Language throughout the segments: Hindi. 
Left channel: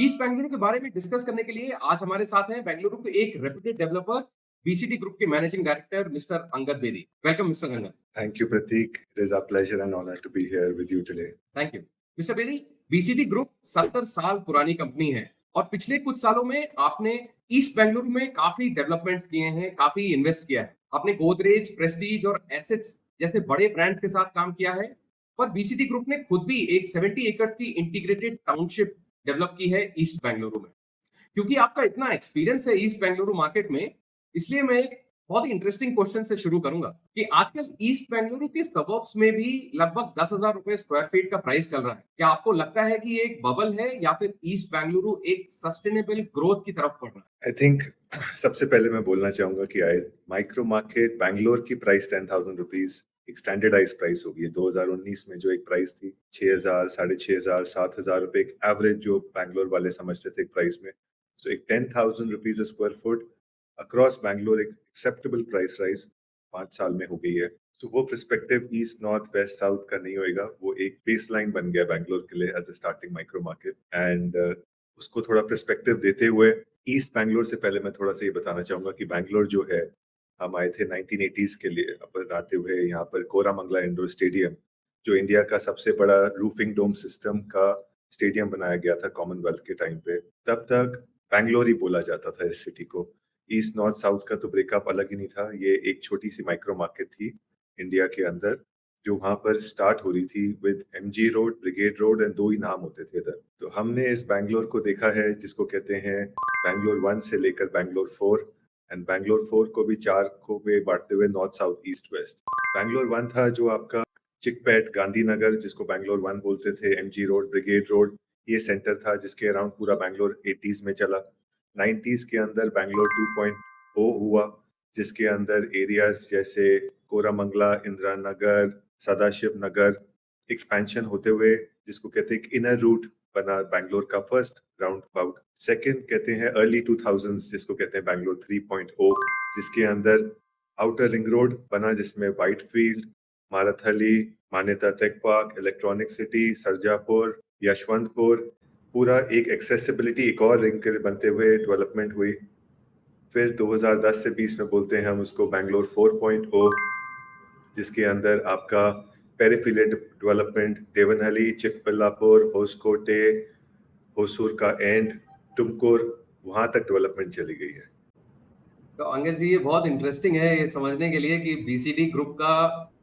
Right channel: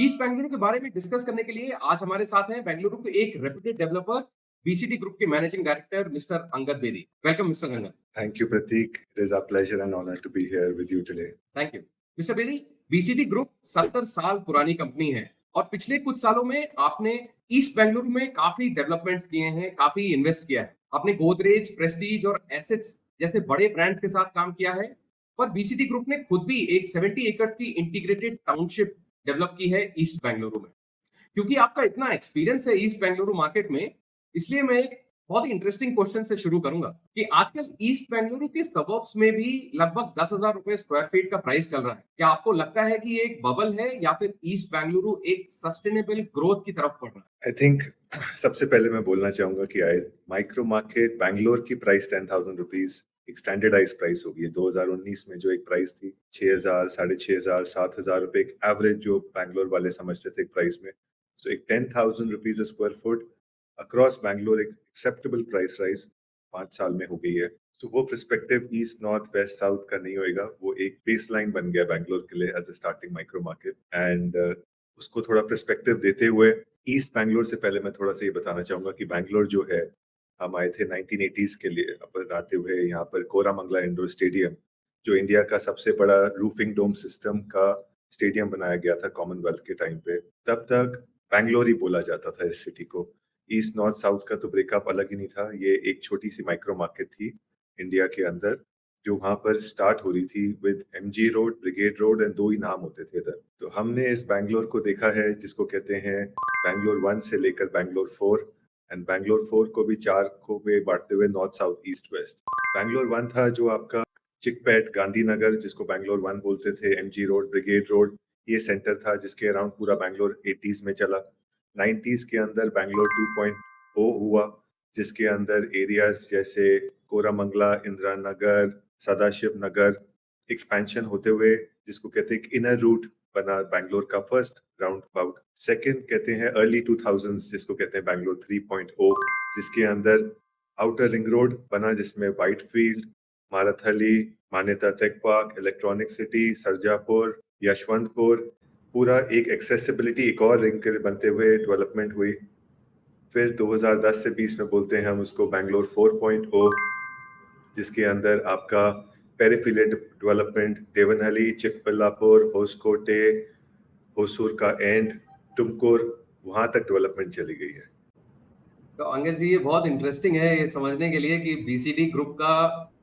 ईस्ट बेंगलुरु के बारे में डिस्कस करने के लिए आज हमारे साथ हैं बेंगलुरु के एक रेप्यूटेड डेवलपर, बीसीडी ग्रुप के managing director mister Angad Bedi. Welcome mister Angad. Thank you, Pratik. It is our pleasure and honor to be here with you today. Thank you. Mister Bedi, BCD group 70 साल पुरानी कंपनी है और पिछले कुछ सालों में आपने ईस्ट बेंगलुरु में काफी डेवलपमेंट्स किए हैं, काफी इन्वेस्ट किया है। आपने गोदरेज, प्रेस्टीज और एसेट्स जैसे बड़े ब्रांड्स के साथ काम किया है। पर बीसीडी ग्रुप ने खुद भी एक 70 एकड़ की इंटीग्रेटेड टाउनशिप डेवलप की है ईस्ट बेंगलुरु में। क्योंकि आपका इतना एक्सपीरियंस है ईस्ट बेंगलुरु मार्केट में, इसलिए मैं एक बहुत ही इंटरेस्टिंग क्वेश्चन से शुरू करूंगा कि आजकल ईस्ट बेंगलुरु के सबर्ब्स में भी लगभग 10,000 रुपए स्क्वायर फीट का प्राइस चल रहा है। क्या आपको लगता है कि ये एक बबल है या फिर ईस्ट बेंगलुरु एक सस्टेनेबल ग्रोथ की तरफ बढ़ रहा है? I think सबसे पहले मैं बोलना चाहूंगा कि आई माइक्रो मार्केट बैंगलोर की प्राइस 10,000 रुपीज एक स्टैंडर्डाइज प्राइस होगी। 2019 में जो एक प्राइस थी 6,000, 6,500, 7,000 रुपए एक एवरेज जो बैंगलोर वाले समझते थे प्राइस में। सो एक 10,000 rupees square foot across Bangalore एक एक्सेप्टेबल प्राइस राइज 5 साल में हो गई है। सो वो perspective east north west south का नहीं होएगा, वो एक बेस लाइन बन गया बैंगलोर के लिए as a starting micro market. And उसको थोड़ा पर्सपेक्टिव देते हुए ईस्ट बैंगलोर से पहले मैं थोड़ा सा ये बताना चाहूंगा कि बैंगलोर जो है, हम आए थे 1980s के लिए अपन आते हुए यहाँ पर कोरामंगला इंडोर स्टेडियम, जो इंडिया का सबसे बड़ा रूफिंग डोम सिस्टम का स्टेडियम बनाया गया था कॉमनवेल्थ के टाइम पे। तब तक बैंगलोर ही बोला जाता था इस सिटी को। ईस्ट नॉर्थ साउथ का तो ब्रेकअप अलग ही नहीं था। ये एक छोटी सी माइक्रो मार्केट थी इंडिया के अंदर, जो वहां पर स्टार्ट हो रही थी with MG road, brigade road and दो ही नाम होते थे इधर। तो हमने इस बैंगलोर को देखा है जिसको कहते हैं बैंगलोर 1 से लेकर बैंगलोर 4, एंड बैंगलोर 4 को भी 4 को में बांटते हुए north south east west. Bangalore 1 था जो आपका चिकपेट, गांधीनगर जिसको बैंगलोर 1 बोलते थे, एमजी रोड, ब्रिगेड रोड, ये सेंटर था जिसके अराउंड पूरा बैंगलोर 80s में चला। 90s के अंदर बैंगलोर 2.0 हुआ, जिसके अंदर एरियाज जैसे कोरामंगला, इंदिरा नगर, सदाशिव नगर एक्सपेंशन होते हुए जिसको कहते हैं इनर रूट बना बैंगलोर का फर्स्ट राउंड अबाउट। सेकंड कहते हैं अर्ली 2000s जिसको कहते हैं बैंगलोर 3.0, जिसके अंदर आउटर रिंग रोड बना जिसमें व्हाइट फील्ड, माराथली, मान्यता टेक पार्क, इलेक्ट्रॉनिक सिटी, सरजापुर, यशवंतपुर, पूरा एक एक्सेसिबिलिटी एक और रिंग के बनते हुए डेवलपमेंट हुई। फिर 2010 से 20 में बोलते हैं हम उसको बैंगलोर 4.0, जिसके अंदर आपका पेरिफेरल डेवलपमेंट देवनहली, चिकबल्लापुर, होसकोटे, होसूर का एंड, तुमकुर, वहां तक डेवलपमेंट चली गई है। तो अंगद जी, ये बहुत इंटरेस्टिंग है ये समझने के लिए कि बीसीडी ग्रुप का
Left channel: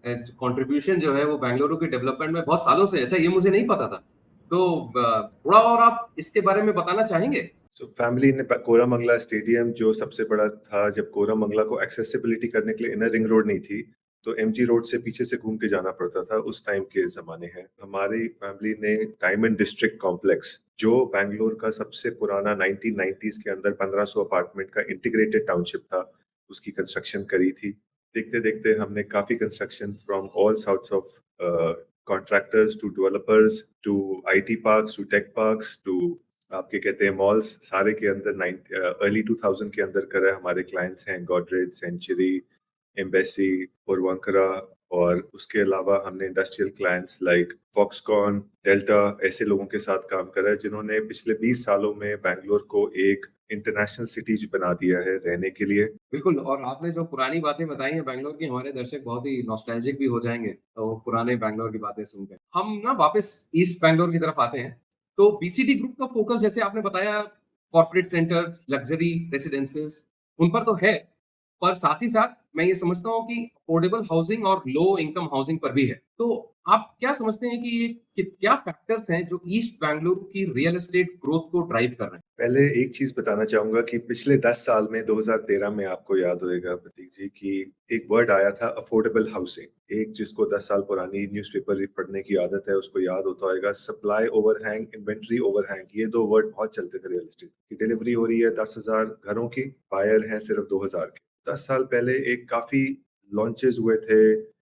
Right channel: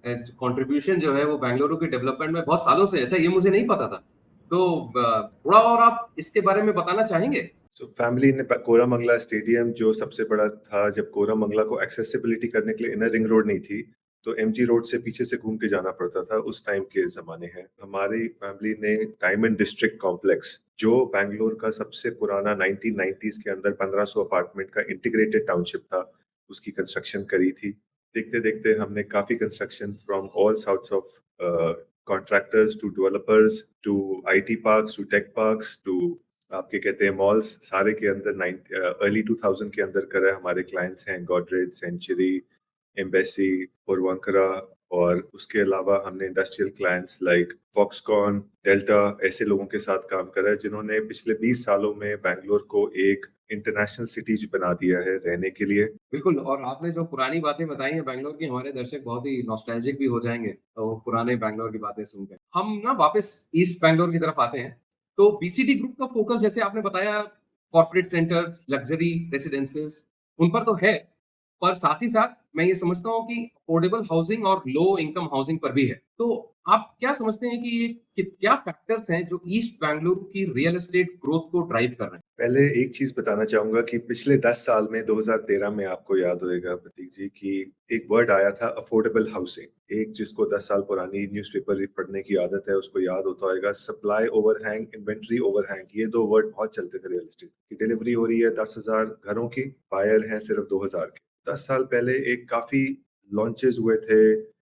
कंट्रीब्यूशन जो है वो बेंगलुरु के डेवलपमेंट में बहुत सालों से है। अच्छा, ये मुझे नहीं पता था। तो थोड़ा और आप इसके बारे में बताना चाहेंगे? सो फैमिली ने कोरामंगला स्टेडियम जो सबसे बड़ा था, जब कोरामंगला को एक्सेसिबिलिटी करने के लिए इनर रिंग रोड नहीं थी तो एमजी रोड से पीछे से घूम के जाना पड़ता था, उस टाइम के जमाने है। हमारी फैमिली ने डायमंड डिस्ट्रिक्ट कॉम्प्लेक्स, जो बैंगलोर का सबसे पुराना 1990s के अंदर 1500 अपार्टमेंट का इंटीग्रेटेड टाउनशिप था, उसकी कंस्ट्रक्शन करी थी। देखते देखते हमने काफी construction from all sorts of contractors to developers to IT parks to tech parks to आपके कहते हैं मॉल्स, सारे के अंदर अर्ली 2000 के अंदर करे हमारे क्लाइंट्स हैं गॉडरेज, सेंचुरी, एम्बेसी, पूर्वांकरा, और उसके अलावा हमने industrial clients like Foxconn, delta, ऐसे लोगों के साथ काम करा है जिन्होंने पिछले 20 सालों में बैंगलोर को एक इंटरनेशनल सिटी बना दिया है रहने के लिए। बिल्कुल, और आपने जो पुरानी बातें बताई हैं बैंगलोर की, हमारे दर्शक बहुत ही नॉस्टैल्जिक भी हो जाएँगे, तो पुराने बैंगलोर की बातें सुनकर। हम ना वापस ईस्ट बैंगलोर की तरफ आते हैं। तो बीसीडी ग्रुप का फ़ोकस जैसे आपने बताया कॉर्पोरेट सेंटर्स, लग्ज़री रेसिडेंसेस उन पर तो है, पर साथ ही साथ मैं ये समझता हूँ कि अफोर्डेबल हाउसिंग और लो इनकम हाउसिंग पर भी है। तो आप क्या समझते हैं कि ये कि क्या फैक्टर्स हैं जो ईस्ट बैंगलोर की रियल एस्टेट ग्रोथ को ड्राइव कर रहे हैं? पहले एक चीज बताना चाहूंगा कि पिछले 10 साल में 2013 में आपको याद होगा प्रतीक जी कि एक वर्ड आया था अफोर्डेबल हाउसिंग। एक जिसको 10 साल पुरानी न्यूज़पेपर पढ़ने की आदत है उसको याद होता होगा। सप्लाई ओवरहैंग, इन्वेंट्री ओवरहैंग, ये दो वर्ड बहुत चलते थे रियल एस्टेट की। डिलीवरी हो रही है 10,000 घरों की, बायर है सिर्फ 2,000 के। 10 साल पहले एक काफी लॉन्चेस हुए थे,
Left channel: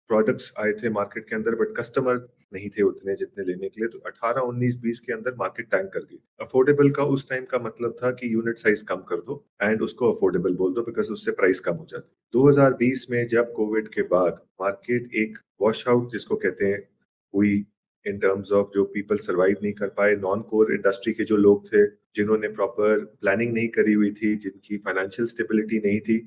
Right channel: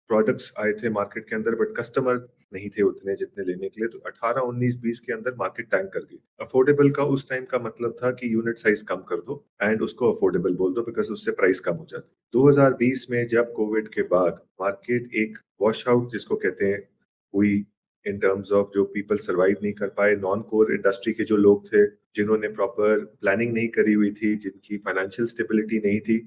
प्रोडक्ट्स आए थे मार्केट के अंदर, बट कस्टमर नहीं थे उतने जितने लेने के लिए। तो 18, 19, 20 के अंदर मार्केट टैंक कर गई। अफोर्डेबल का उस टाइम का मतलब था कि यूनिट साइज कम कर दो एंड उसको अफोर्डेबल बोल दो, बिकॉज उससे प्राइस कम हो जाती। 2020 में जब कोविड के बाद मार्केट एक वॉश आउट जिसको कहते हैं हुई, इन टर्म्स ऑफ जो पीपल सर्वाइव नहीं कर पाए, नॉन कोर इंडस्ट्री के जो लोग थे, जिन्होंने प्रॉपर प्लानिंग नहीं करी हुई थी, जिनकी फाइनेंशियल स्टेबिलिटी नहीं थी,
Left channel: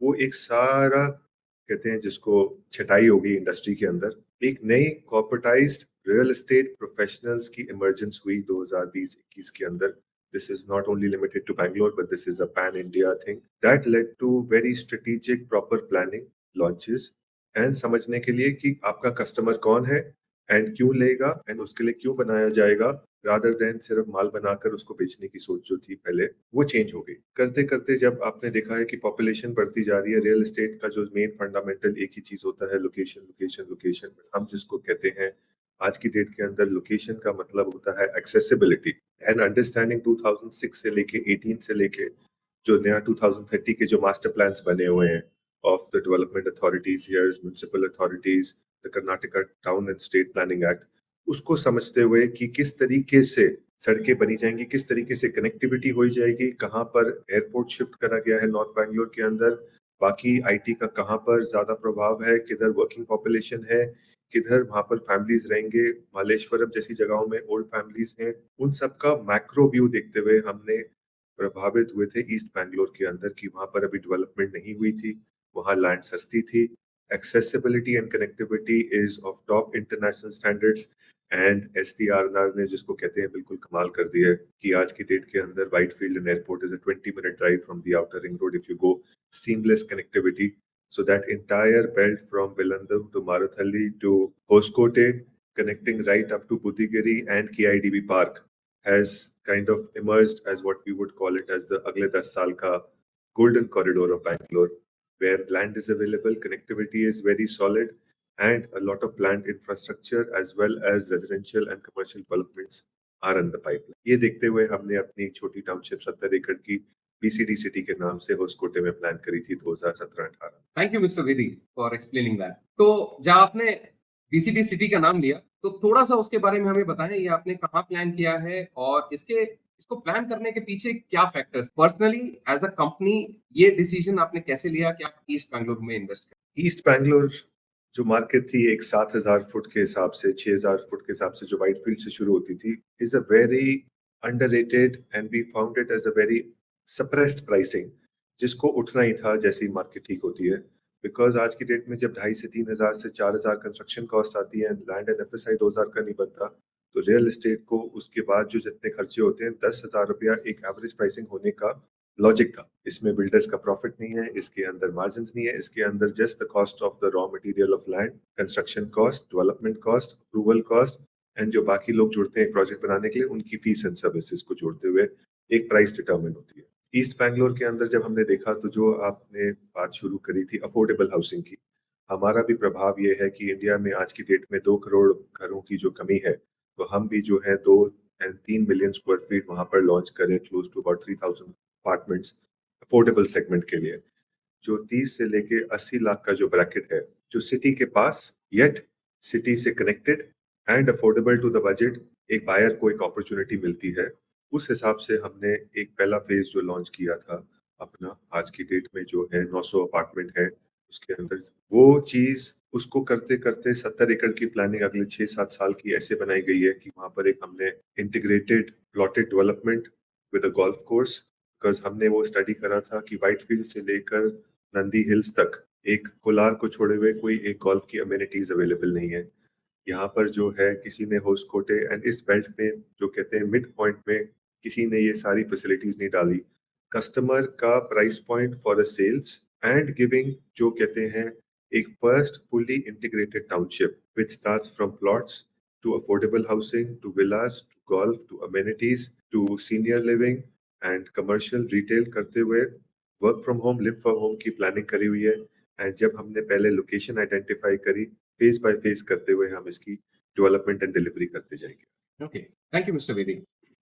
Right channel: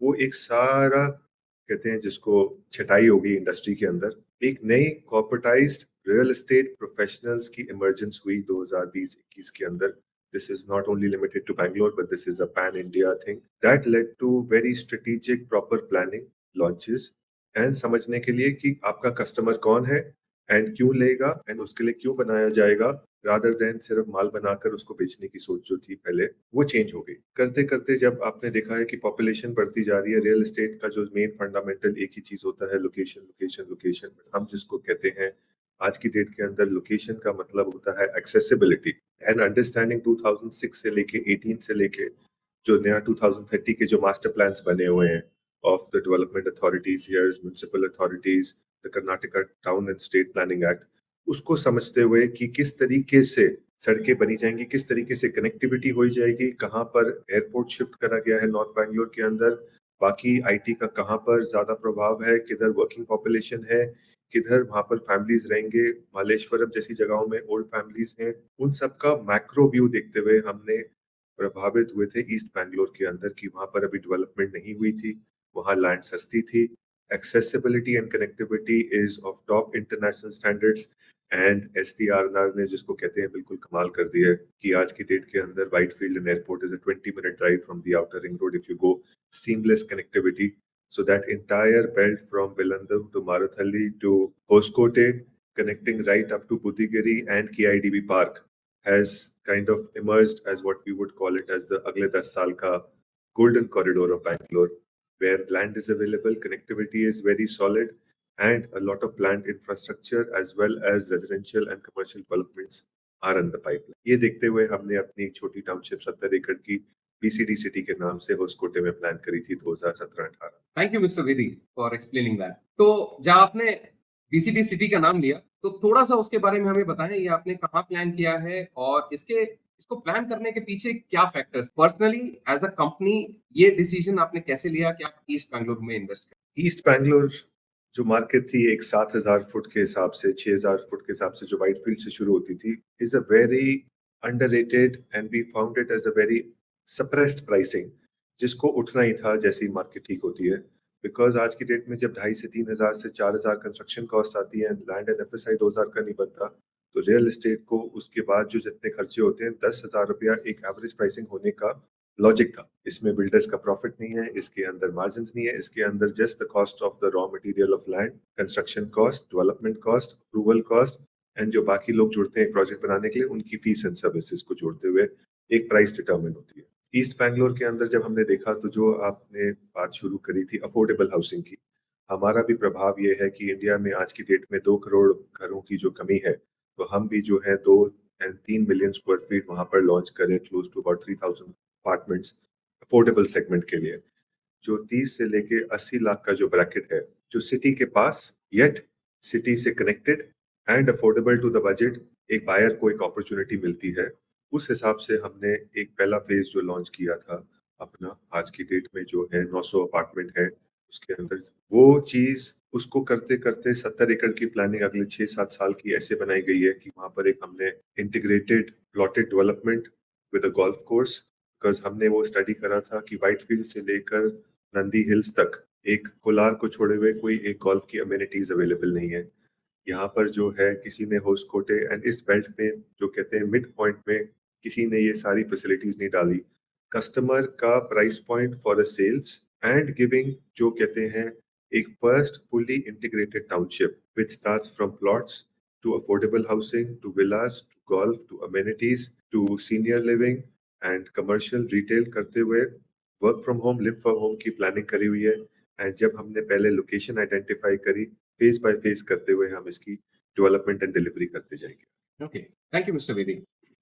वो एक सारा कहते हैं जिसको छटाई होगी इंडस्ट्री के अंदर। एक नई कॉर्पोरेटाइज्ड रियल एस्टेट प्रोफेशनल्स की इमर्जेंस हुई 2020-21 के अंदर। This is not only limited to Bangalore, but this is a pan-India thing. That led to very strategic, proper planning, launches, and समझने के लिए कि आपका कस्टमर कौन है एंड क्यों लेगा एंड उसके लिए क्यों बनाया जाएगा, रादर देन सिर्फ माल बनाकर उसको बेचने की सोच जो थी पहले, वो चेंज हो गई। करते करते जब आपने देखा है कि पॉपुलेशन बढ़ती जा रही है, रियल एस्टेट का जो मेन फंडामेंटल एक ही चीज होता है, लोकेशन लोकेशन लोकेशन, हम जिसको कहते हैं आज की डेट के अंदर लोकेशन का मतलब होता है एक्सेसिबिलिटी एंड अंडरस्टैंडिंग। 2006 से लेके 18 से लेके जो नया 2030 के जो मास्टर प्लान्स बने हुए हैं of the development authorities, municipal authorities, the Karnataka town and state planning act, उसको समझते हुए कि किस तरीके से सड़कें बनी जाएंगी, किस तरीके से कनेक्टिविटी हो जाएगी, कहाँ पर एयरपोर्ट शिफ्ट करा गया है नॉर्थ बैंगलोर के अंदर, बाकी आईटी का कहाँ पर ज्यादा प्रभाव है, किधर वर्किंग पॉपुलेशन है, किधर वहां पर फैमिलीज रहेंगे, मालेश्वरम जैसी जगहों में ओल्ड फैमिलीज हैं, उन सब का मैक्रो व्यू देखते हुए हमने प्रभावित हुए थे ईस्ट बैंगलोर के अंदर कि वहां पर अभी डेवलपमेंट नहीं हुई थी, वहां लैंड सस्ती थी, accessibility and connectivity is of top international standards. And SDRR ने जिसको कहते हैं बिल्कुल कमाल कर दिया है कि आज की डेट के अंदर Whitefield and airport is a 20-minute drive from the outer ring road if you go, seamless connectivity. So that entire belt from Vilandam to Marathalli to Hoskote, connecting right up to Budigiri and KIDB Park, has kind of emerged as what we would call it as the Agle 10 Saal ka golden corridor of Bangalore, where land is available, connectivity is very solid, and a lot of planned infrastructure as well as residential and commercial developments are in the pipeline. ये देखते हुए हमने अपनी छोटी टाउनशिप 70 एकड़ की बीसीडी सिटी के नाम से होस्कोटे में प्लान करी थी 2017-18। थैंक यू मिस्टर वेदी फॉर एक्सप्लेनिंग दैट। तो जब आपने बीसीटी सिटी का नाम लिया तो थोड़ा सा उसके बारे में हमें बताएं, ये आपने कहाँ प्लान किया है और इसको प्लान करने के पीछे क्या factors, personally as a company ये डिसीजन आपने कैसे लिया कि आप ईस्ट बैंगलोर में इन्वेस्ट करें? ईस्ट बैंगलोर जो मार्केट थी एक 7,000 फुट के हिसाब से, 6,000 फुट के हिसाब से जो व्हाइटफील्ड से शुरू होती थी, is a very underrated and we found it as a very suppressed pricing, जिसको उठना ही था जैसे ही मार्केट ठीक होती है। बिकॉज आज की डेट में जब 2,500 से 3,000 से 4,000 कंस्ट्रक्शन कॉस्ट आती है, लैंड एंड एफएसआई 2,000 का नहीं बनता, तो रियल एस्टेट को उसके बाद जो जितने खर्चे होते हैं, 10,000 रुपया एक एवरेज प्राइसिंग होने का लॉजिक था। इसमें बिल्डर्स का प्रॉफिट नहीं है, इसके अंदर मार्जिन नहीं है, इसके अंदर just the cost of the raw material of land, construction cost, development cost, approval cost, and जो बाकी लोग जुड़ते हैं प्रोजेक्ट बनाने के लिए उनकी फीस एंड सर्विसेज को जोड़ते हुए एक प्राइस डिटरमिन होती है। ईस्ट बैंगलोर के अंदर जब हमने देखा तो जो आपने बात शुरू करी थी अफोर्डेबल हाउसिंग की, हमारा भी प्रभाव ये है कि इंडिया में आज की डेट में 2 करोड़ घरों की जो कमी है, तो हम भी जो है 2 and 3 मिलियन स्क्वायर फीट वहां पर लॉन्च करें, close to about 3,000 apartments affordable segment के लिए, जो 30 से लेके 80 लाख का जो ब्रैकेट है, जो सिटी के पास येट सिटी से connected and affordable to the budget, एक बायर को एक अपॉर्चुनिटी मिलती है। उस हिसाब से हमने एक पहला फेज जो लॉन्च किया था अपना, आज की डेट में जो है 900 अपार्टमेंट है उसके अंदर, वो चीज उसको करते करते 70 एकड़ की प्लानिंग अगले 6-7 साल की ऐसे बनाई गई है कि वहां पर एक हमने integrated plotted development with a golf course, because हमने वो स्टडी करा था कि व्हाइटफील्ड से लेकर नंदी हिल्स तक एक कोलार को छोड़े हुए कोई एक गोल्फ की अमेनिटीज अवेलेबल नहीं है। यहाँ पर जो है किसी ने होस्कोटे एंड इस बेल्ट पे जो कहते हैं मिड पॉइंट पे किसी ने ये सारी फैसिलिटीज नहीं डाली। कस्टमर का price point for the sales and giving जो कहते हैं एक first fully integrated township which starts from plots to affordable housing to villas to golf to amenities to senior living and commercial retail करते हुए work from home, live from home की प्लानिंग करी हुई है। एंड जब हमने पहले लोकेशन आइडेंटिफाई करी, फेज बाय फेज करते हुए हम इसकी डेवलपमेंट एंड डिलीवरी करते जाएंगे। ओके, थैंक यू मिस्टर वेदी।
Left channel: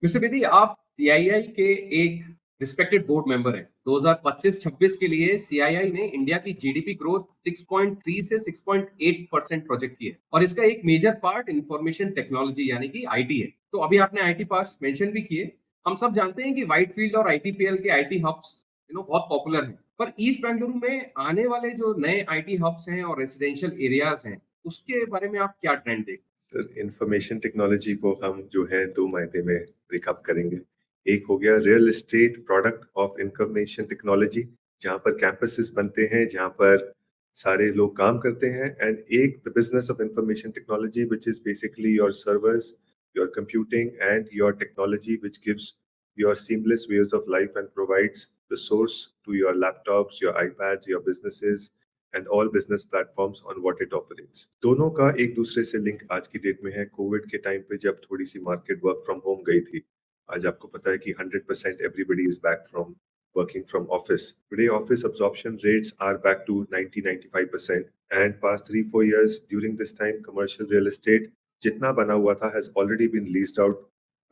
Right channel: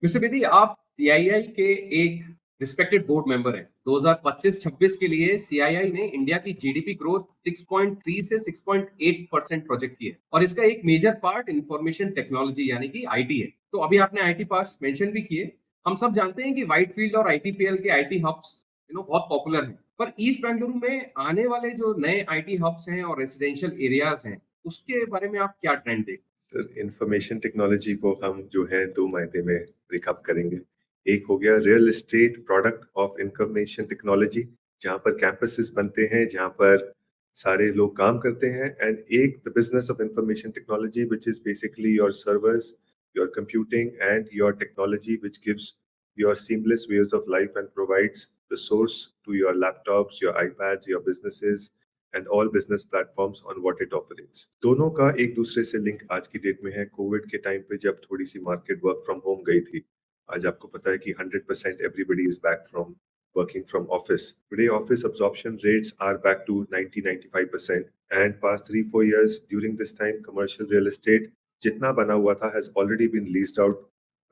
मिस्टर वेदी, आप सीआईआई के एक रिस्पेक्टेड बोर्ड मेंबर हैं। 2025-26 के लिए सीआईआई ने इंडिया की जीडीपी ग्रोथ 6.3 से 6.8% प्रोजेक्ट की है और इसका एक मेजर पार्ट इंफॉर्मेशन टेक्नोलॉजी यानी कि आईटी है। तो अभी आपने आईटी पार्ट्स मेंशन भी किए। हम सब जानते हैं कि व्हाइटफील्ड और आईटीपीएल के आईटी हब्स बहुत पॉपुलर हैं, पर ईस्ट बेंगलुरु में आने वाले जो नए आईटी हब्स हैं और रेसिडेंशियल एरियाज हैं, उसके बारे में आप क्या ट्रेंड देखते सर इंफॉर्मेशन टेक्नोलॉजी को हम जो है दो मायने में ब्रेकअप करेंगे। एक हो गया real estate product of information technology, जहाँ पर कैंपसेस बनते हैं, जहाँ पर सारे लोग काम करते हैं। एंड एक the business of information technology which is basically your servers, your computing and your technology which gives your seamless ways of life and provides the source to your laptops, your iPads, your businesses, and all business platforms on what it operates. दोनों का एक दूसरे से लिंक आज की डेट में है। कोविड के टाइम पे जब थोड़ी सी मार्केट वर्क फ्रॉम होम गई थी, आज आपको पता है कि 100% everybody is back from working from office. Today, office absorption rates are back to 90-95%. And past 3-4 years, during this time, commercial real estate जितना बना हुआ था has already been leased out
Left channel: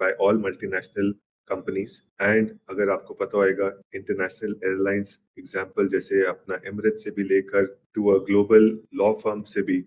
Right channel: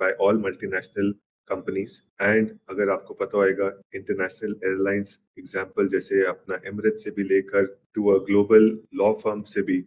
by all multinational companies. And अगर आपको पता होगा इंटरनेशनल एयरलाइंस एग्जांपल जैसे अपना एमिरेट से भी लेकर to a global law firm से भी,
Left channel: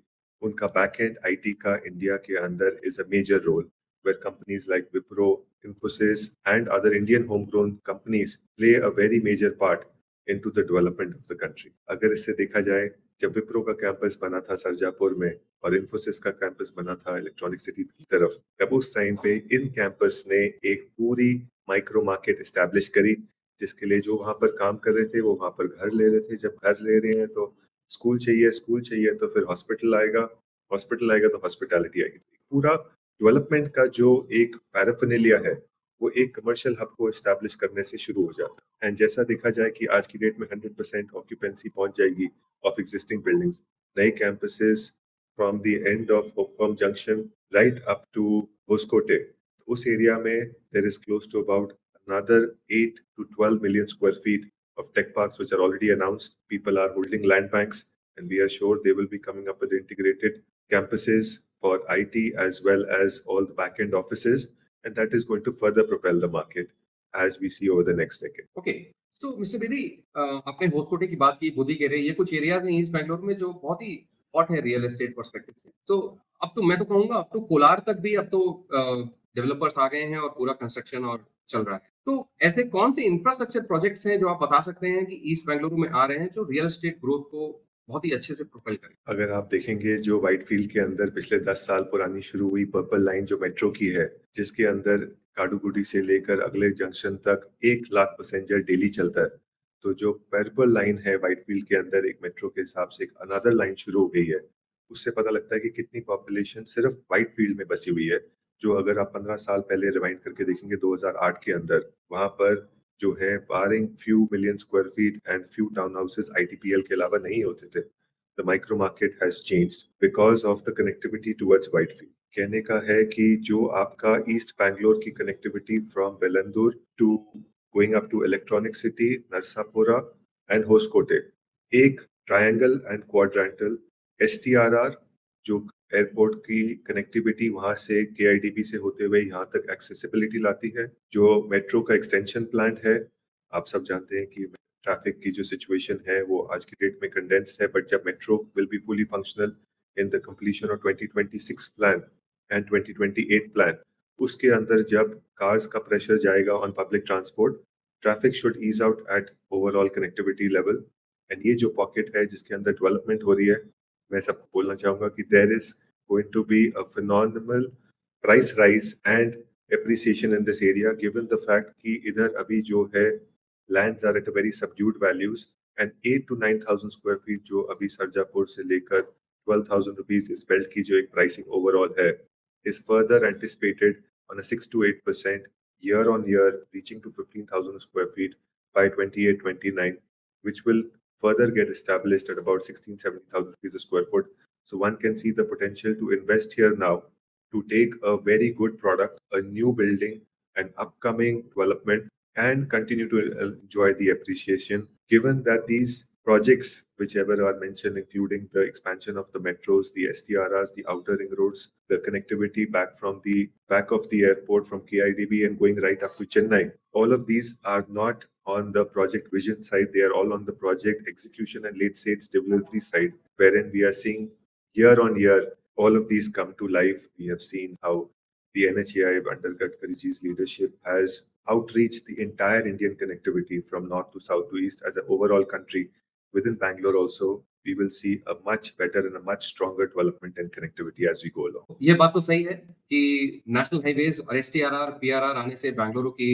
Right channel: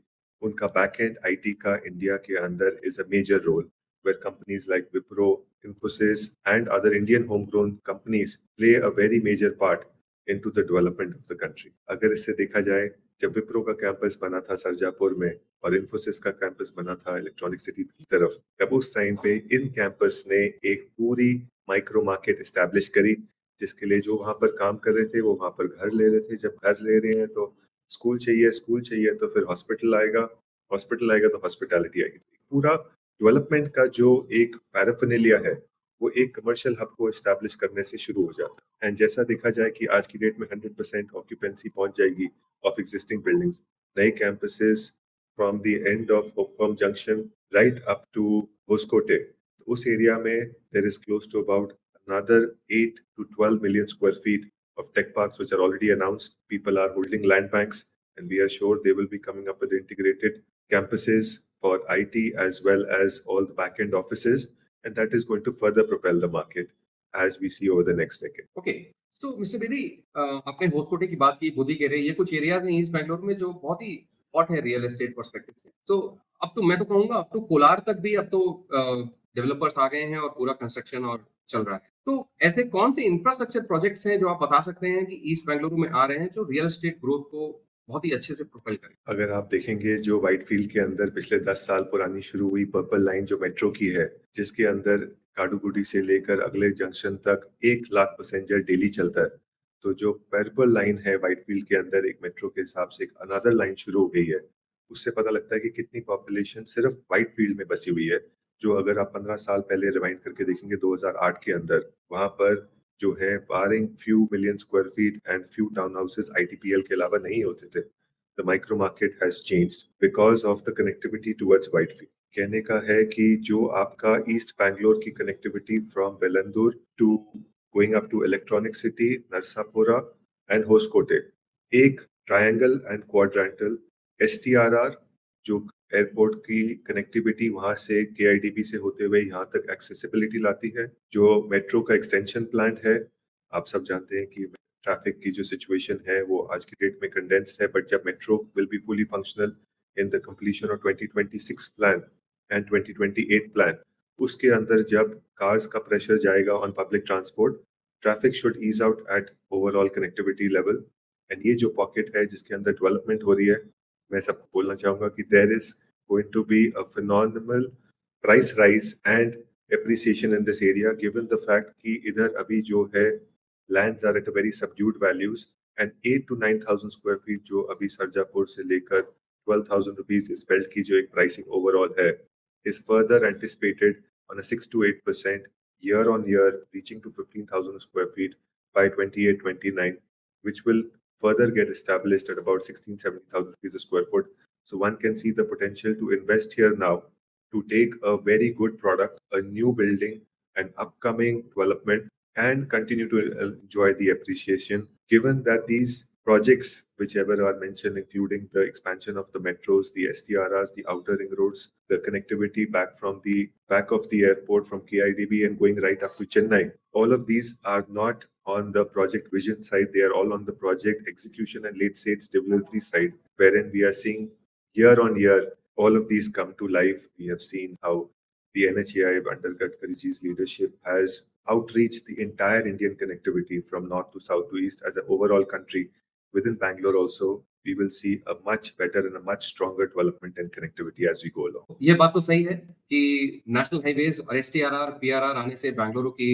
उनका बैक एंड आईटी का इंडिया के अंदर is a major role where companies like Wipro, Infosys and other Indian homegrown companies play a very major part into the development of the country. अगर इससे देखा जाए, जब विप्रो का कैंपस बना था सरजापुर में और इन्फोसिस का कैंपस बना था इलेक्ट्रॉनिक सिटी की तरफ, तब उस टाइम पे इन कैंपस ने एक पूरी माइक्रो मार्केट एस्टैब्लिश करी, जिसके लिए जो वहां पर काम कर रहे थे वो वहां पर घर ले रहे थे। जब घर ले रहे हैं तो स्कूल चाहिए तो फिर हॉस्पिटल आएगा तो हॉस्पिटैलिटी आएगी। पूरा डेवलपमेंट का जो एक पैराफिनेलिया है वो एक कमर्शियल हब को एस्टैब्लिश करने से शुरू हो जाता है। एंड जैसा देखा जाए कि आज की डेट में 100% ऑक्यूपेंसी पहुंच जाएगी ऑफ एग्जिस्टिंग बिल्डिंग्स, नए campuses from the end of Hope Farm junction right up to Hoskote. उस एरिया में there is close to about another 8 to 12 million square feet of tech parks which are already announced. People are holding land banks, and we are sure they will be coming up with integrated campuses for IT as well as all the back-end offices, and that is going to further propel the market as we see over the next decade. Okay. So mister Bedi, आपने होस्कोटे की बात की, खुद ही कह रहे हैं ये कुछ एरियाज हैं ईस्ट बैंगलोर में जो बहुत ही हॉट है रियल एस्टेट पर्सपेक्टिव से। सो अब तो मैं तो कहूंगा अब तो कोलार तक भी अब तो डेवलपर्स आ गए हैं और पूरा कंस्ट्रक्शन और चल रहा है। तो ऐसे कौन से इंफ्रास्ट्रक्चर प्रोजेक्ट्स हैं जो आप बता सकते हैं कि ईस्ट बैंगलोर में आ रहे हैं जो रियल एस्टेट ग्रोथ को बहुत ही अच्छे से प्रोपेल करें? अगर आप देखेंगे जो व्हाइटफील्ड के अंदर पिछले 10 साल पुरानी शुरू हुई पर्पल लाइन जो मेट्रो की है, जिसके अंदर काडुगुडी से लेकर अगले जंक्शन तक 1 लाख पैसेंजर डेली चलता है। तो जो पर्पल लाइन है व्हाइटफील्ड के अंदर एक मेट्रो के हिसाब से एक अनदर लाइन शुरू हो गई है, उससे पता लगता है कि कितनी पॉपुलेशन सिर्फ व्हाइटफील्ड में बसी हुई है। जो अगर आप 15 साल पहले रिवाइंड करके देखेंगे 2008 के अंदर, वहां पर जो है barring few million square feet and few town houses ITPL के अलावा नहीं होते थे। The micro market has changed because of the connectivity towards Whitefield. कहने का है कि जो आपका ईस्ट बैंगलोर की connectivity from Bellandur to going up to Electronic City, Narasapura and Hoskote, एक ट्रायंगल एंड क्वाड्रेंटल एसटीआरआर जो एयरपोर्ट की कनेक्टिविटी वहां से केआईडीबी से होते हुए यहाँ तक एक्सेसिबिलिटी लाती है। जो मेट्रो का एक्सटेंशन प्लान है, आप सब जानते हैं कि ट्रैफिक की जो सिचुएशन है वो आज की डेट में कंडेंस्ड है, बट जब metro will be fully functional in the completion of 2026 plan and 2028 plan, उसके अंदर जब कार्स का प्रेशर जाएगा on public transport, traffic should ease out at overall connectivity level. And ये जो पॉकेट है जिसके अंदर डेवलपमेंट हो रही है, मैं सबको बोलना चाहूंगा कि there is going to be a phenomenal price rise and appreciation in this area, given the fact कि इधर अभी जो है lands are at a very subdued values, and 8 to 9,000 square feet जो अभी सरजापुर से लेकर 12,000 rupees इस बेल्ट की जो एक प्राइसिंग ओवरऑल है, is further anticipated on a 6 to 8% year on year, reaching to 15,000 square feet by 28-29, which will further get established at about 16-17,000 rupees a square foot. So one can see the potential to invest here now to take a very good product, a new building, an upcoming development, and continue to enjoy the appreciation. Given that these projects, whichever are mentioned, including the expansion of the metros, the STRRs, the outer ring roads, the connectivity back from the back of the airport from KIDB and going right up to Chennai, all of these are not on the project vision side, they are all on the project execution and late stage delivery side, wherein we are seeing year on year all of these come to life. We have seen how the NHAI under Gadkariji's leadership has outreached the entire Indian connectivity from north to south to east as an overall country within Bangalore also. we will see a much better and a much stronger development and connectivity as we go along. ये बात तो सही है कि नेशनल हाइवेज और एसटीआरआर, पीआरआर आने से बेंगलुरु की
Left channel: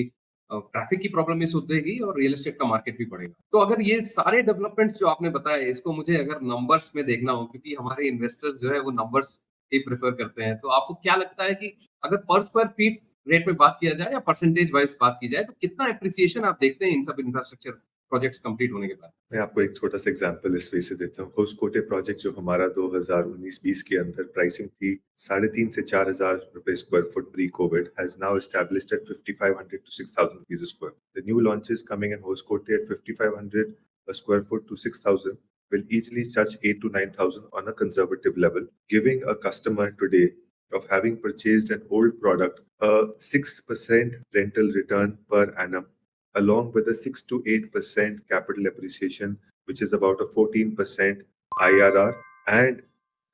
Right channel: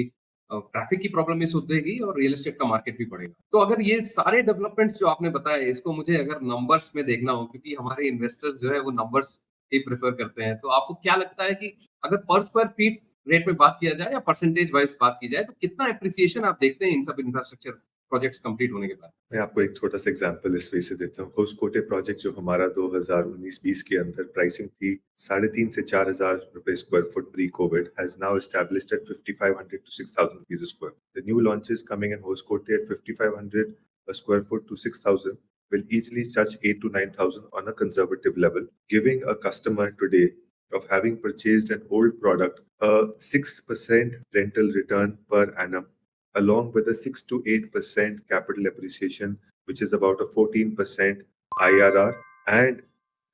ट्रैफिक की प्रॉब्लम भी सुधरेगी और रियल एस्टेट का मार्केट भी बढ़ेगा। तो अगर ये सारे डेवलपमेंट्स जो आपने बताए, इसको मुझे अगर नंबर्स में देखना हो, क्योंकि हमारे इन्वेस्टर्स जो है वो नंबर्स ही प्रेफर करते हैं, तो आपको क्या लगता है कि अगर पर स्क्वायर फीट रेट में बात किया जाए या परसेंटेज वाइज बात की जाए, तो कितना एप्रिसिएशन आप देखते हैं इन सब इंफ्रास्ट्रक्चर प्रोजेक्ट्स कंप्लीट होने के बाद? मैं आपको एक छोटा सा एग्जांपल इस वे से देता हूँ। होसकोटे प्रोजेक्ट जो हमारा 2019-20 के अंदर प्राइसिंग थी 3,500 से 4,000 रुपए square foot pre Covid has now established eight 5,500 to 6,000 rupees a square. The new launches coming in Hoskote at 5,500 a square foot to 6,000 will easily touch 8 to 9,000 on a conservative level, giving a customer today of having purchased an old product a 6% rental return per annum along with a 6 to 8% capital appreciation, which is about a 14% IRR. And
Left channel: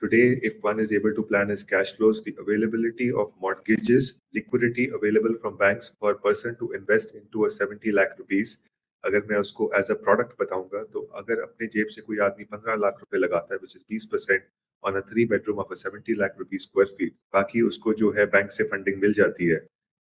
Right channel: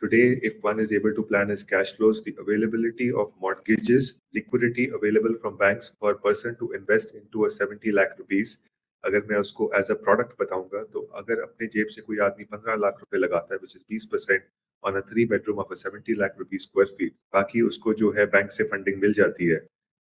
today, if one is able to plan his cash flows, the availability of mortgages, liquidity available from banks for a person to invest into a 70 lakh rupees, अगर मैं उसको एज अ प्रोडक्ट बताऊंगा तो अगर अपने जेब से कोई आदमी 15 लाख रुपए लगाता है which is 20% on a 3 bedroom of a 70 lakh rupees square feet, बाकी उसको जो है बैंक से फंडिंग मिल जाती है।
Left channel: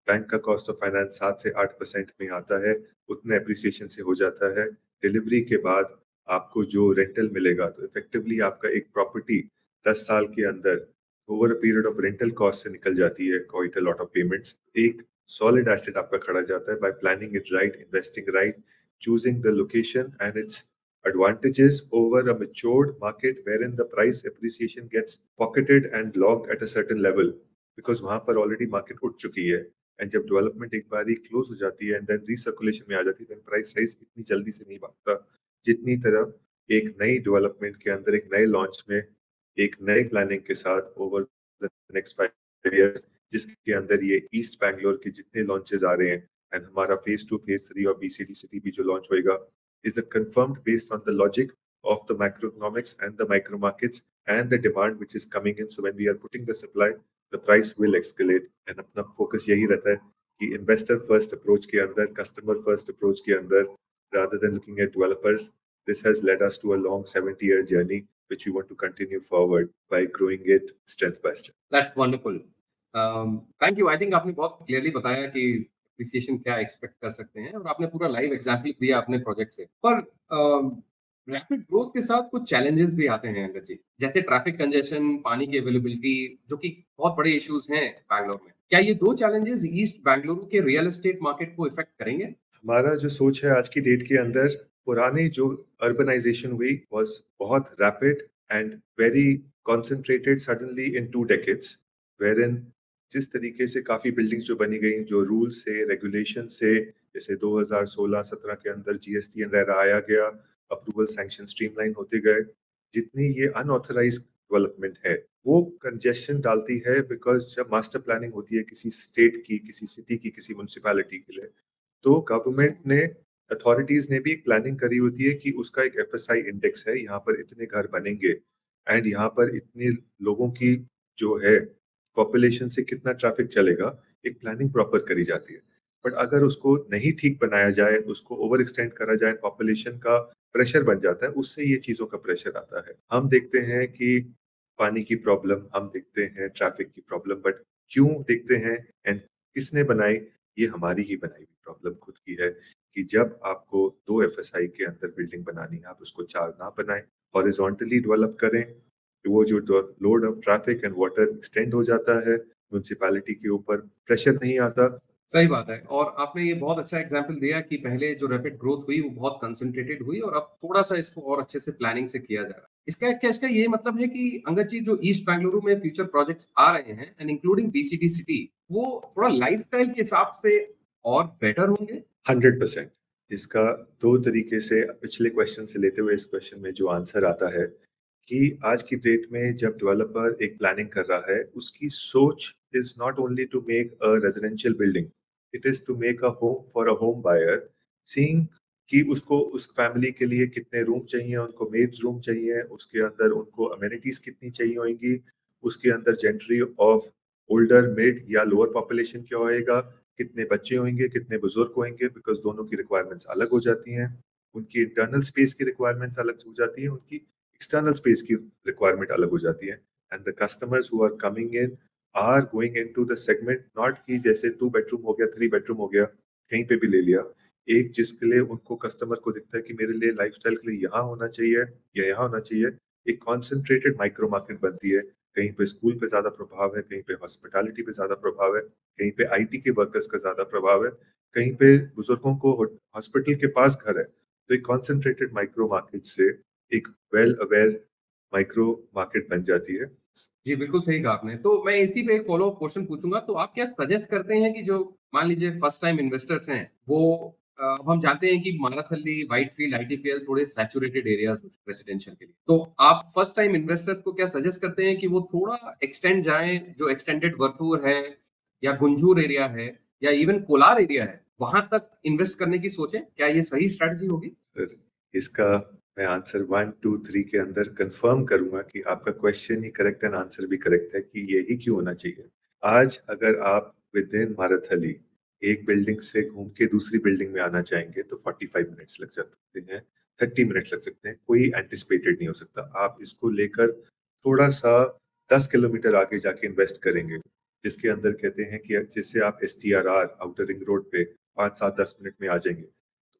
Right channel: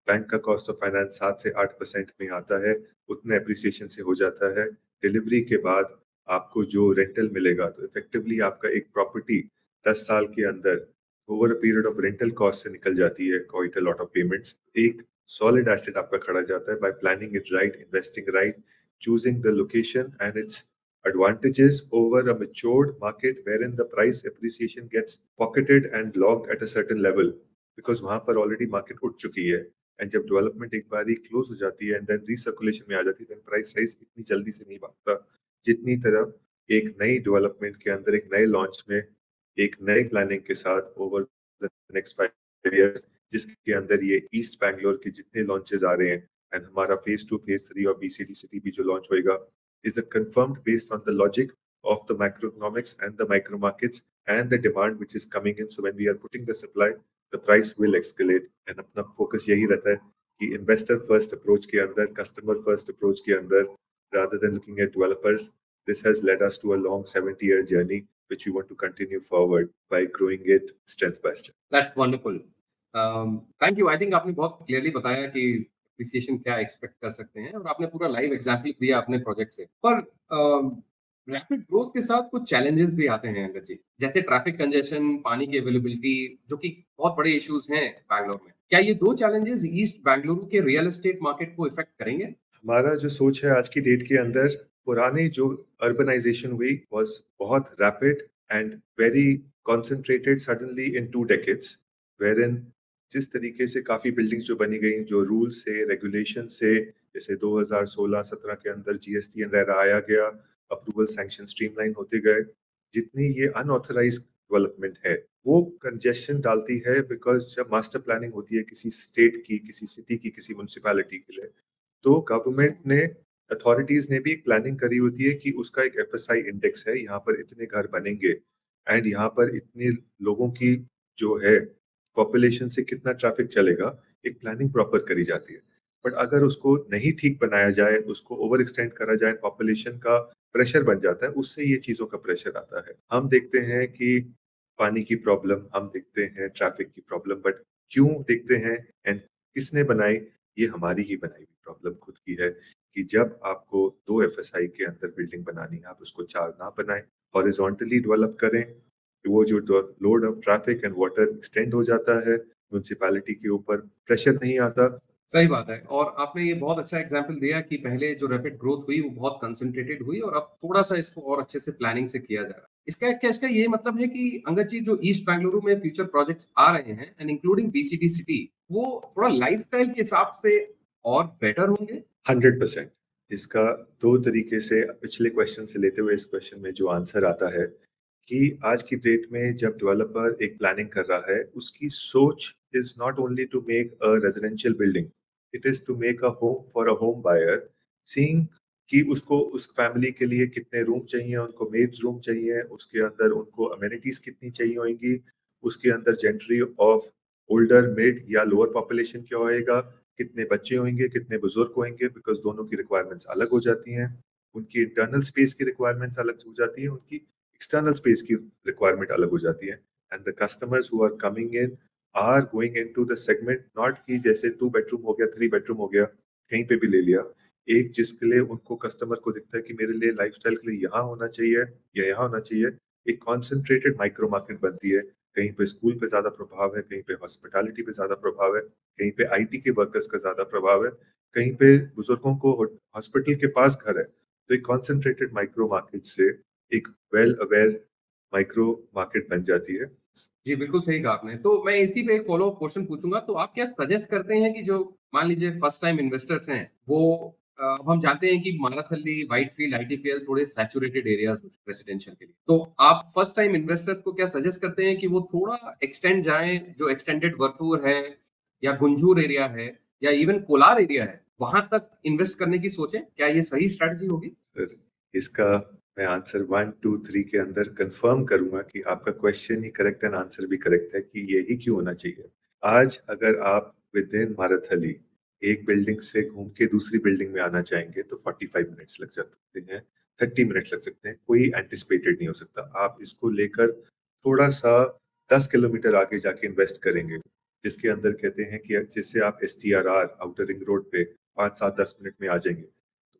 बैंक का कॉस्ट ऑफ फाइनेंस 7 से 8% में आता है, उतना एप्रिसिएशन से हो जाता है। डिलीवरी के बाद आपको जो रेंटल मिलेगा तो इफेक्टिवली आपका एक प्रॉपर्टी 10 साल के अंदर over a period of rental cost से निकल जाती है quite a lot of payments. एक सॉलिड एसेट आपका खड़ा जाता है bye planning it right, investing right, choosing the location and its advantages over a matured market wherein the price appreciation gets pocketed and locked at a certain level because वहां पर ऑलरेडी मार्केट उठ चुकी है। एंड जब डेवलपमेंट एक बार ही क्लोज हो जाती है एंड देन रीसर्कुलेशन में आ जाती है, देन प्राइस राइज इतनी जल्दी से नहीं बनता जितनी तरह एक नई डेवलपमेंट के अंदर एक नए लॉन्च में एक नई प्लानिंग के साथ ओवर द नेक्स्ट 5 years, जिसके अंदर ये ईस्ट बैंगलोर के जितने लॉन्चेस आ रहे हैं एंड हमारा फेज 2 फेज 3 और बीसीडी सिटी भी जो लॉन्च होएगा is a confirmed based on the logic of the macroeconomics and the micro markets and the demand which is coming in. So when we are putting the supply, the price will escalate and अपना focus यही रहता है कि investor first approach के अंदर, customer first approach के अंदर, rather than looking at developers, this has led us to a long 70-year journey which we want to continue forward by growing it strength by strength. That's wonderful. Thank you. I think आपने बहुत क्लियरली बताया कि एप्रिसिएशन क्या एक्सपेक्ट कर सकते हैं और आपने पूरा लाइव एग्जांपल दिया अपने प्रोजेक्ट से। पर रैपिड ग्रोथ के साथ कुछ चैलेंजेस भी आते हैं अंदर जी, जैसे ट्रैफिक कंजेशन, पानी की अवेलेबिलिटी, जो कि बहुत बड़े इश्यूज हैं बैंगलोर में। क्या ये दो चैलेंजेस ईस्ट बेंगलुरु के रियल एस्टेट मार्केट को इफेक्ट करेंगे? हमारा जो सोच है आज की डेट के अंदर, पुरानी जो अर्बनाइजेशन हुई वाज बहुत rapid and very concentrated suddenly in 2 decades, wherein जिस तरीके से काफी बिल्डिंग्स जो बनी गई जो रूल से रेगुलेशन से, जैसे 2016-17 के अंदर जीएसटी एंड रेरा आया गया, अप्रूवल सैंक्शन स्ट्रीमलाइन होते गए, जितनी ये अनऑथराइज्ड डेवलपमेंट है वो कंजेशन डालती है बिकॉज जब मास्टर प्लानिंग होती है किसी स्टेट की, किसी सिटी की, किसी म्युनिसिपैलिटी के लिए, तो गवर्नमेंट ने, अथॉरिटीज ने भी एक प्लानिंग करी होती है कि उसका एक एफएसआई इंडेक्स है, यहाँ पर इतने घर बनेंगे एंड यहाँ पर इतने लोगों की जो है पॉपुलेशन से कितना ट्रैफिक चलेगा, एक प्लानिंग प्रॉपर करी जाती है। बट अगर उसको नहीं ठीक बनाया जाए, उसको ओवर एक्सटेंड करा जाए, पॉपुलेशन का प्रेशर बन जाता है, उससे ये चीजों का प्रेशर आता है। हम देखते हैं कि पानी की प्रॉब्लम, हम देखते हैं ट्रैफिक की प्रॉब्लम, बट क्यों देखते हैं एंड किसने बनाई, ये हमारी ही बनाई हुई प्रॉब्लम खुद की है कि जब आपको 2 एफएसआई के अंदर बिल्डिंग बनानी है, आप उसको 4 ना बनाएं, हॉरिजॉन्टली डेवलप करें, तो वो जो load of traffic and water extend हो जाता है, म्युनिसिपैलिटी के ऊपर प्रेशर नहीं आता। सही बात है। और आपने ये बहुत अच्छा एग्जांपल दिया कि पहले जो रैपिड ग्रोथ हुई वो बहुत कंसंट्रेटेड हुई और अब थोड़ा-सा इसको और अच्छे से प्लानिंग से किया जा रहा है। इसका ये मतलब है कि अंगद जी, जो ईस्ट बेंगलुरु में फ्यूचर प्रोजेक्ट्स आ रहे हैं एंड इंक्लूडिंग बीसीटी सिटी, वो थोड़ा लाइफस्टाइल के हिसाब से और बेटर होंगे? 100%। इसका 2 तरीके से, पिछले क्वेश्चन से लेते हुए इस क्वेश्चन में जो आंसर आता है कि आज की डेट में जब डेवलपर एक प्लानिंग कर रहा है, उसकी सोच is not only to make a residential building, it is to make a home for a home buyer, seeing कि उसको उस फैमिली के लिए कितने रूम चाहिए, उनको मेड्स रूम चाहिए, उसके अंदर उनको अमेनिटीज कितनी चाहिए होंगी, उसके अंदर जेंट्री ऑफ ओल्डर मेड या लोअर पॉपुलेशन क्या होएगा, कितने बच्चे होंगे, कितने बुजुर्ग होंगे, बिकॉज दोनों की रिक्वायरमेंट्स अलग हो जाती हैं, उनकी इंटरनल स्पेस की रिक्वायरमेंट्स अलग हो जाती है, उनकी एक्सटर्नल स्पेस की रिक्वायरमेंट अलग हो जाती है and the customers who are coming in are going into the segment not कि जैसे 2 बेडरूम हो गया 3 बेडरूम हो गया कहीं पे भी ले लिया एक जिसके लिए उनको कस्टमर को दिखता है कि मेरे लिए लाइफस्टाइल के लिए यहाँ होना चाहिए या यहाँ होना चाहिए एक कॉन्सेंट्रेटेड माइक्रो मार्केट बनती है कहीं पे स्कूल पे ज्यादा प्रभाव है कहीं पे हॉस्पिटैलिटी पे ज्यादा प्रभाव है कहीं पे आईटी के वर्कर्स का ज्यादा प्रभाव है कहीं पे बुजुर्गों को हॉस्पिटल के पास घर है तो एक कॉन्सेंट्रेटेड माइक्रो मार्केट से एक वेल अवेयर माइक्रो मार्केट बन जाती है जी, बिल्कुल सही कहा आपने। तो मैं इसी पे एक फ़ॉलो-अप क्वेश्चन पूछूँगा, तो आप क्या सजेस्ट करते हैं कि जो मान लीजिए फर्स्ट टाइम इन्वेस्टर्स हैं, वो अब हम जानते हैं कि माराखली, व्हाइटफ़ील्ड, आईटीपीएल थोड़े सैचुरेटेड एरियाज़ हैं रेज़िडेंशियल के लिए। तो आप फर्स्ट टाइम इन्वेस्टर्स को क्या सजेस्ट करते हैं कि वो थोड़ा एक्सटेंड जाएँ, जो एक्सटेंडेड वर्थूर है या गुंजूर एरिया है या इवन कोलार एरिया है, वहाँ तक इन्वेस्ट करने की सोचें? क्या ये सही स्ट्रैटेजी होगी? सर इसका मैं आंसर 1 2 3 के अंदर कंफर्म करूंगा कि आपका क्वेश्चन ही करेक्ट है आंसर भी करेक्ट है कि यही क्यों होना चाहिए आज अगर आप विद इन माराथली एक बिल्डिंग से घूम के दूसरी बिल्डिंग में आना चाहेंगे तो 45 मिनट्स लग सकते हैं 30 मिनट्स लग सकते हैं कोई एंटिसिपेटेड नहीं हो सकता आप इसको लेकर थोड़ा सा 10 किलोमीटर आगे जाके इन्वेस्ट करेंगे जिसके अंदर कहते हैं कि जिससे आप STRR आउटर रिंग रोड पे 5 7 10 मिनट में आ जाएंगे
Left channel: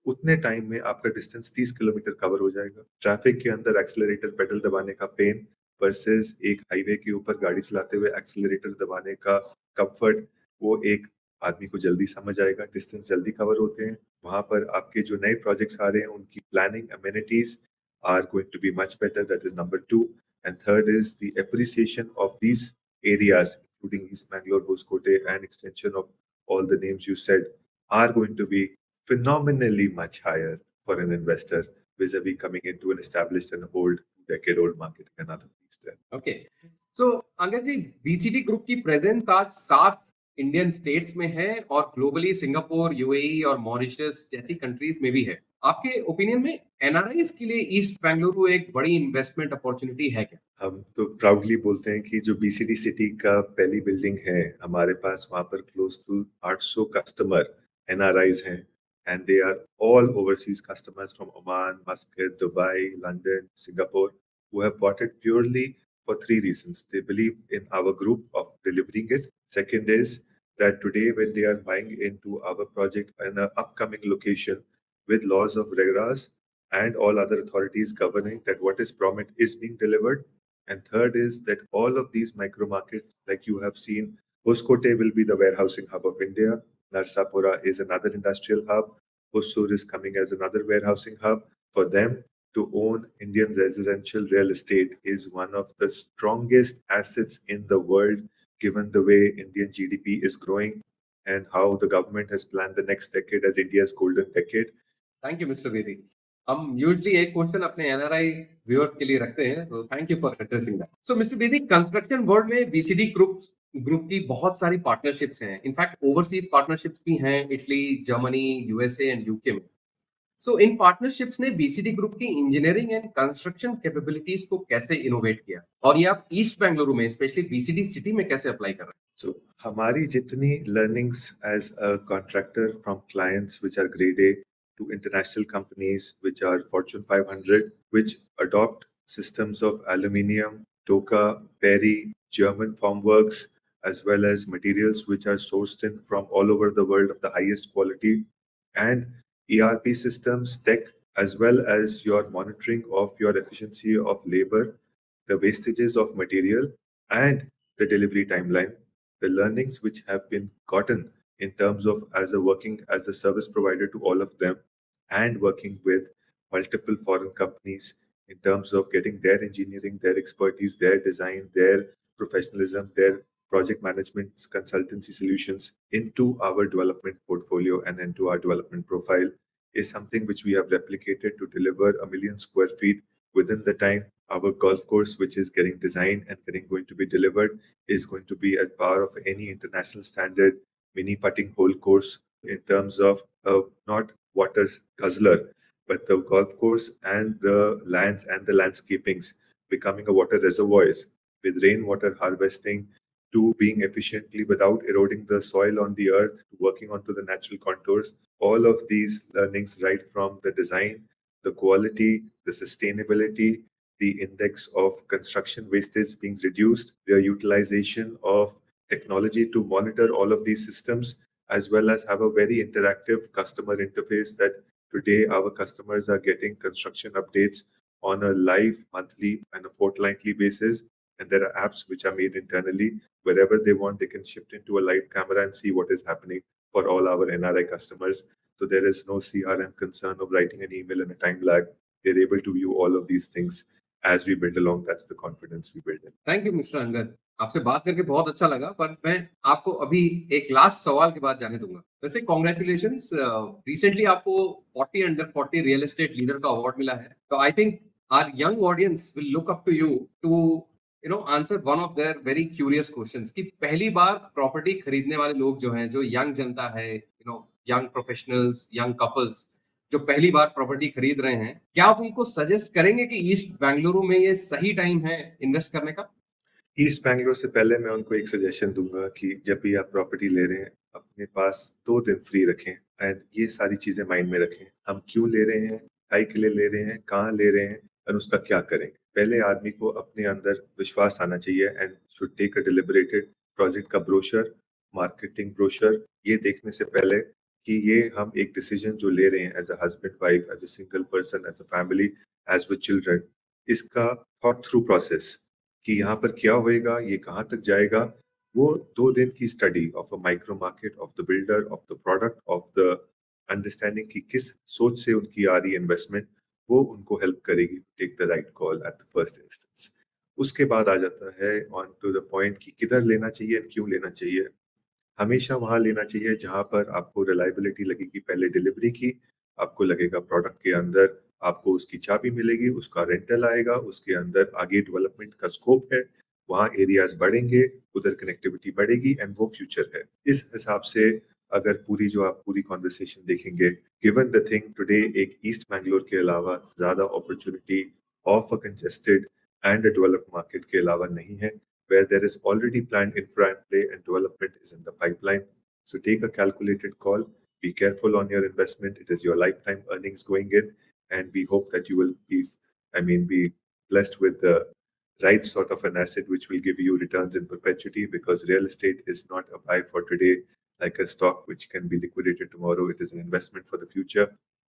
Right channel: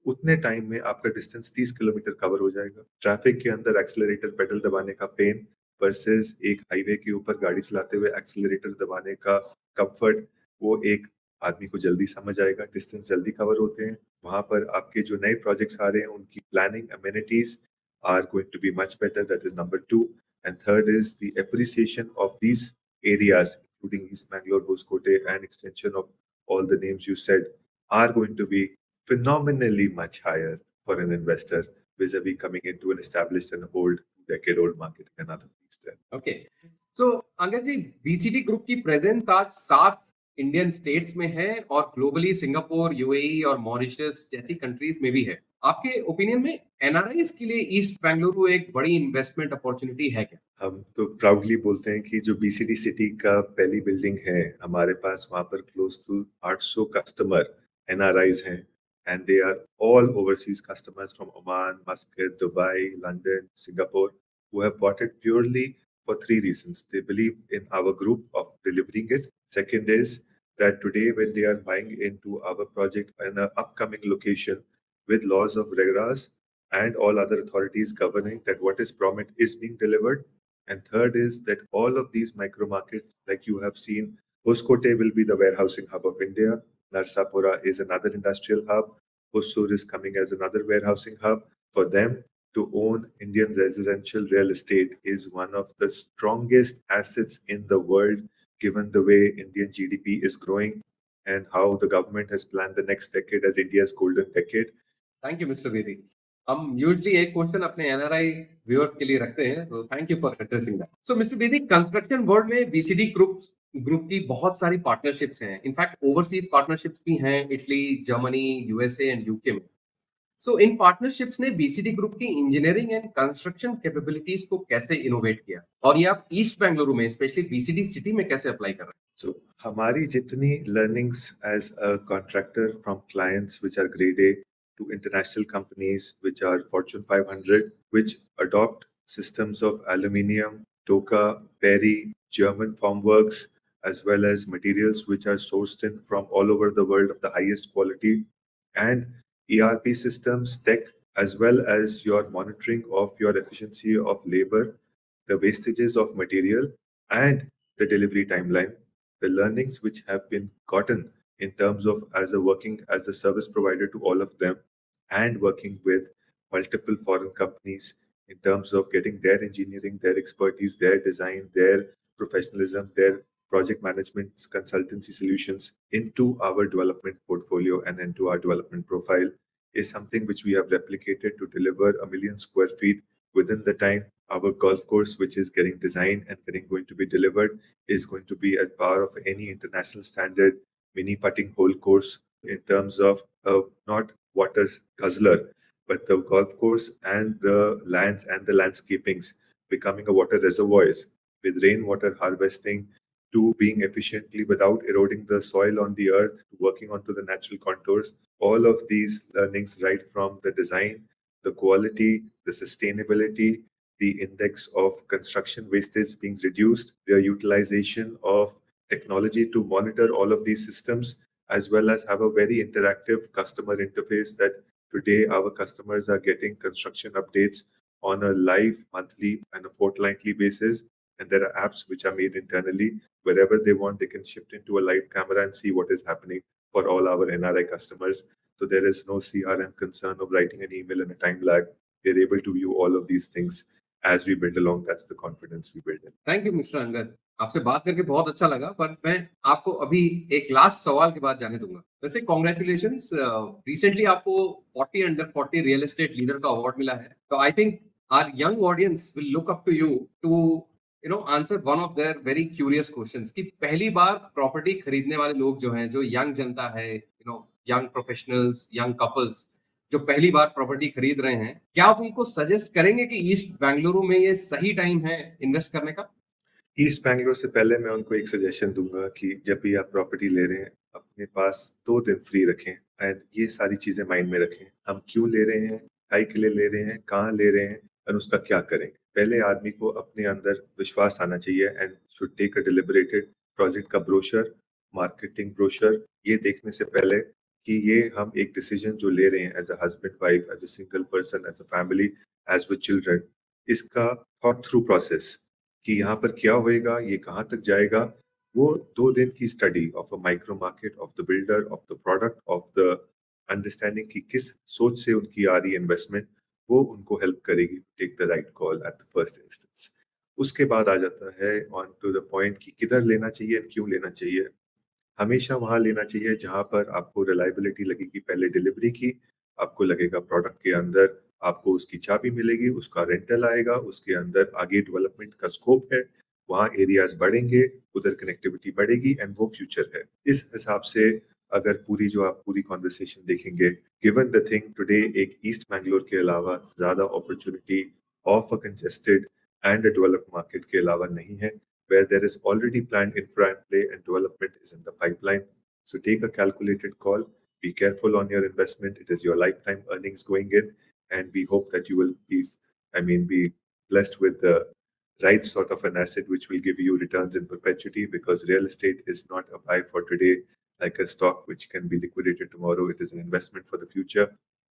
उतने टाइम में आपका डिस्टेंस 30 किलोमीटर कवर हो जाएगा ट्रैफिक के अंदर एक्सेलरेटर पेडल दबाने का पेन वर्सेस एक हाईवे के ऊपर गाड़ी चलाते हुए एक्सेलरेटर दबाने का कंफर्ट वो एक आदमी को जल्दी समझ आएगा डिस्टेंस जल्दी कवर होते हैं वहां पर आपके जो नए प्रोजेक्ट्स आ रहे हैं उनकी planning amenities are going to be much better that is number 2 and third is the appreciation of these areas including East Bangalore, Hoskote and extension of all the names you said are going to be phenomenally much higher for an investor vis-a-vis coming into an established and old decade-old market and other things there. Okay. So uncle ji, BCD group की प्रेजेंस आज 7 इंडियन स्टेट्स में है और ग्लोबली सिंगापुर, यूएई और मॉरिशस जैसी कंट्रीज में भी है। आपके ओपिनियन में एनआरआईज के लिए ईस्ट बैंगलोर एक बड़ी इन्वेस्टमेंट अपॉर्चुनिटी है क्या? हम तो प्राउडली बोलते हैं कि जो बीसीडी सिटी का पहली बिल्डिंग है हमारे पास वहां पर क्लोज टू 800 कस्टमर एनआरआईज हैं and they are all overseas customers from Oman Muscat Dubai London Singapore who have bought it purely for three reasons. They believe in our group of delivering it. Second is that today when they are buying into our project in an upcoming location with laws of RERAs and all other authorities governing that what is promised is being delivered. And third is that all of these micro markets, like you have seen, Hoskote will be the warehousing hub of India. Narsapura is another industrial hub. Hosur is coming as another warehousing hub. For them to own Indian residential real estate is one of the strongest assets in the world, given the way Indian GDP is growing and how the government has planned the next decade as India's golden decade. Thank you mister Bedi. हम यूजुअली एक क्वेश्चन अपने एनआरआई व्यूअर्स के लिए रखते हैं, तो thank you for addressing that. So mister Bedi, construction world में बीसीडी ग्रुप ग्रुप की बहुत सारी पार्टनरशिप्स हैं। इनफैक्ट ओवरसीज पार्टनरशिप्स भी हैं Italy, Germany, USA and UK में। सो इन पार्टनरशिप्स ने बीसीडी ग्रुप की इंजीनियरिंग एंड कंस्ट्रक्शन कैपेबिलिटीज को कैसे इनोवेट किया और ये आप ईस्ट बेंगलुरु में स्पेशली बीसीडी सिटी में कैसे अप्लाई कर रहे So, हमारी जितनी learnings as a contractor from clients which are grade A to international companies which are Fortune 500, which adopt systems of aluminium, Doka, Perry, German formworks, as well as materials which are sourced in from all over the world of the highest quality, and ERP systems, tech, as well as your monitoring of your efficiency of labor, the wastages of material, and the delivery timeline. The learnings which have been gotten in terms of as a working as a service provider to all of them and working with multiple foreign companies in terms of getting their engineering, their expertise, their design, their professionalism, their project management consultancy solutions into our development portfolio and into our development profile is something which we have replicated to deliver 1 million square feet within the time. Our golf course, which is getting designed and getting going to be delivered, is going to be at par of any international standard mini putting hole course in terms of not water guzzler, but the golf course and the lands and the landscapings becoming a water reservoirs with rainwater harvesting to being efficiently without eroding the soil on the earth to working onto the natural contours. All of these learnings right from the design, the quality, the sustainability, the index of construction wastage being reduced, their utilization of technology to monitor all of these systems, as well as have a very interactive customer interface that today our customers are getting construction updates on a live monthly and a fortnightly basis. And there are apps which are made internally. Wherever they want, they can shift into a live camera and see what is happening for all our NRI customers. So there is no CRM concern of writing an email and a time lag. They're able to view all of these things as we build along. That's the confidence we build in. Thank you mister Angad, आपसे बात करके बहुत अच्छा लगा, पर मैं आपको अभी एक लास्ट सवाल के बाद जाने दूंगा। वैसे कॉन्ग्रेचुलेशंस, रिसेंटली आपको 40 अंडर 40 रियल एस्टेट लीडर का अवार्ड मिला है। तो I think our young audience will look up to you to answer one of their very curious questions कि पहली बार प्रॉपर्टी खरीदने वाले लोग जो हैं, जो यंग जनता है, यंग प्रोफेशनल्स, यंग कपल्स जो पहली बार प्रॉपर्टी खरीद रहे हैं, क्या आप उनको सजेस्ट करेंगे कि ईस्ट बेंगलुरु में ये सही टाइम है इन्वेस्ट करने का? ईस्ट बैंगलोर से पहले मैं उनको एक सजेशन दूंगा कि जब भी आप प्रॉपर्टी ले रहे हैं, अपने पास 2 दिन फ्री रखें एंड ये सारी चीजें माइंड में रखें। हम क्यों ले रहे हैं, काहे के लिए ले रहे हैं, कहाँ ले रहे हैं और उसका क्या करें। पहले आदमी को अपने अंदर विश्वास आना चाहिए and should take a deliberated project का ब्रोशर, मार्केटिंग ब्रोशर, ये देखने से पहले कि ये हम एक डिसीजन जो ले रहे हैं as a husband wife, as a single person, as a family, as with children, इसका थॉट थ्रू प्रोसेस कि यहाँ पर क्या होएगा, ये कहाँ तक जाएगा, वो 2 दिन की study of a micro market, of the builder, of the product, of the understanding कि किस सोच से उनकी आ रही है इन्वेस्टमेंट, वो उनको हेल्प करेगी take the right call at the first instance. उसके बाद आ जाता है ऑन टू द पॉइंट कि किधर लेना चाहिए और क्यों लेना चाहिए। हमेशा वहाँ लेना चाहिए जहाँ पर आपको रिलायबिलिटी लगेगी, पहले डिलीवरी की, आपको लगेगा प्रोडक्ट के अंदर आपको उसकी चाबी मिलेगी, उसका रेंटल आएगा, उसके अंदर आगे डेवलपमेंट का स्कोप है, वहाँ एरियाज बढ़ेंगे, उधर कनेक्टिविटी बढ़ेगी एंड वो फ्यूचर है। इस हिसाब से अगर पूरी जो आप पूरी कन्वर्सेशन देखेंगे, गिवन द थिंग टुडे एक ईस्ट बैंगलोर के अलावा ज्यादा opportunity of a congested and a developed market के अलावा नहीं है, where there is already planned infra in play and development is in the pipeline. So take a calculated call. Be careful on your investment. It is your lifetime earnings going in, and we hope that you will be blessed with the right sort of an asset which will give you returns in perpetuity. Because real estate is not a buy for today, like a stock which can be liquidated tomorrow. It is an investment for the future,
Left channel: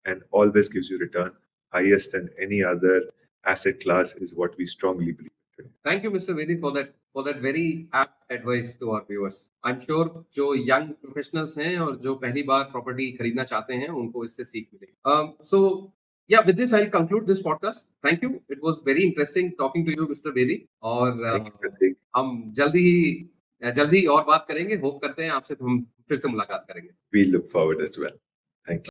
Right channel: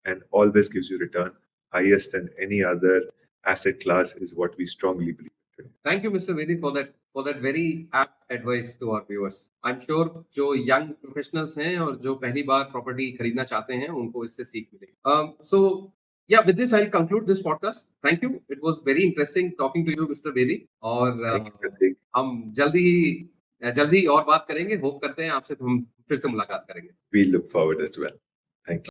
and always gives you return highest than any other asset class is what we strongly believe. Thank you, Mr. Vedi, for that very apt advice to our viewers. I'm sure जो young professionals हैं और जो पहली बार प्रॉपर्टी खरीदना चाहते हैं, उनको इससे सीख मिलेगी। So yeah, with this I'll conclude this podcast. Thank you. It was very interesting talking to you, Mr. Vedi. और Thank you, Pratik. हम जल्दी और बात करेंगे। होप करते हैं आपसे हम फिर से मुलाकात करेंगे। We look forward as well. Thank you.